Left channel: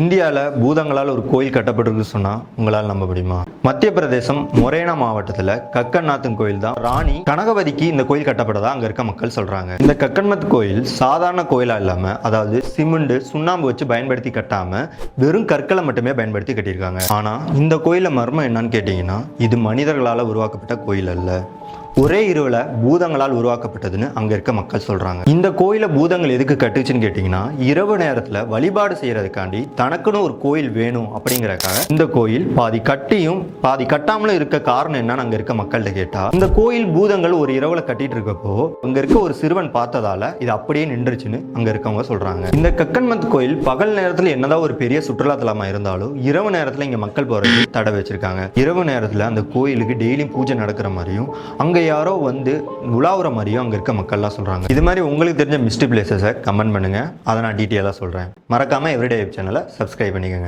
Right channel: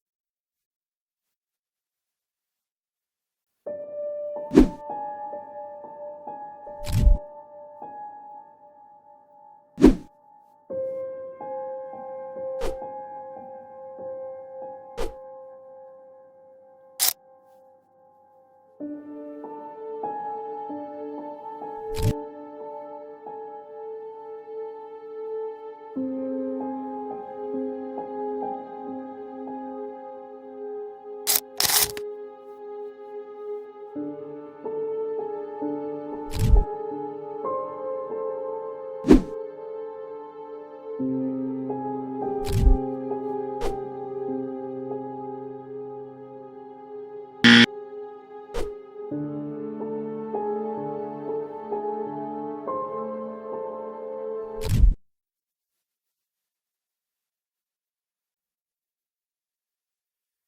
இந்தியாவில் பூதங்களால் ஒரு கோயில் கட்டப்பட்டிருக்கு சொன்னால் உங்களால் நம்ப முடியுமா? மத்திய பிரதேசம் மொரேனா மாவட்டத்தில் கக்கன்நாத்தன் கோயில் தான் ராணி கனகவதிக்கு இந்த கோயில் கட்டப்பட்டதா அங்கே இருக்க மக்கள் சொல்கிறாங்க. இந்த கக்கன்மத் கோயில் சாதாரண கோயிலாக இல்லாமல், அதாவது சிமெண்ட் சுண்ணாம்பு வச்சு பயன்படுத்தி கட்டாமல் வெறும் கற்களை மட்டுமே பயன்படுத்தி கட்டியிருக்காங்க. ஆனால் இந்த கோயிலில் மர்மம் என்னன்னு கேட்டிங்கன்னா, இது மனிதர்களால் உருவாக்கப்பட்ட கோயில் அல்ல, ஒரே இரவுல பூதங்களால் உருவாக்கப்பட்டதுன்னு அங்க இருக்க மக்கள் சொல்றாங்க. இந்த கோயில பூதங்கள் எதுக்கு கட்டுச்சுன்னு கேட்டீங்கன்னா, இரவு நேரத்துல வழிபாடு செய்யறதுக்காண்டி தனக்குன்னு ஒரு கோயில் வேணும் அப்படிங்கறக்காக இந்த கோயில் பாதி கட்டியும் பாதி கட்டாமலும் இருக்க காரணம் என்னன்னு அங்க இருக்க மக்கள்கிட்ட கேட்டா, இந்த கோயில் பூதங்கள் ஒரு இரவுல கட்டிட்டு இருக்கப்போ அங்க இருக்க ஒரு சிறுவன் பார்த்ததால இது அப்படியே நின்றுச்சுன்னு அங்க இருக்கவங்க சொல்றாங்க. இந்த கக்கன்மத் கோயில் பகல் நேரத்துல என்னதான் ஒரு பெரிய சுற்றுலா தலமா இருந்தாலும் இரவு நேரத்துல இங்க மக்கள் போறது தடை வச்சிருக்காங்க. இரவு நேரத்துல அந்த கோயிலுக்கு டெய்லியும் பூஜை நடக்கிற மாதிரியும் அங்க யாரோ வந்து உலாவுற மாதிரியும் அங்க இருக்க மக்கள்லாம் சொல்றாங்க. இது மாதிரி உங்களுக்கு தெரிஞ்ச மிஸ்டி பிளேசஸை கமெண்ட் பண்ணுங்க, அதை நான் டீட்டெயிலாக சொல்றேன். மறக்காம எவ்ரிடே சேனலை சப்ஸ்கிரைப் பண்ணிக்கோங்க.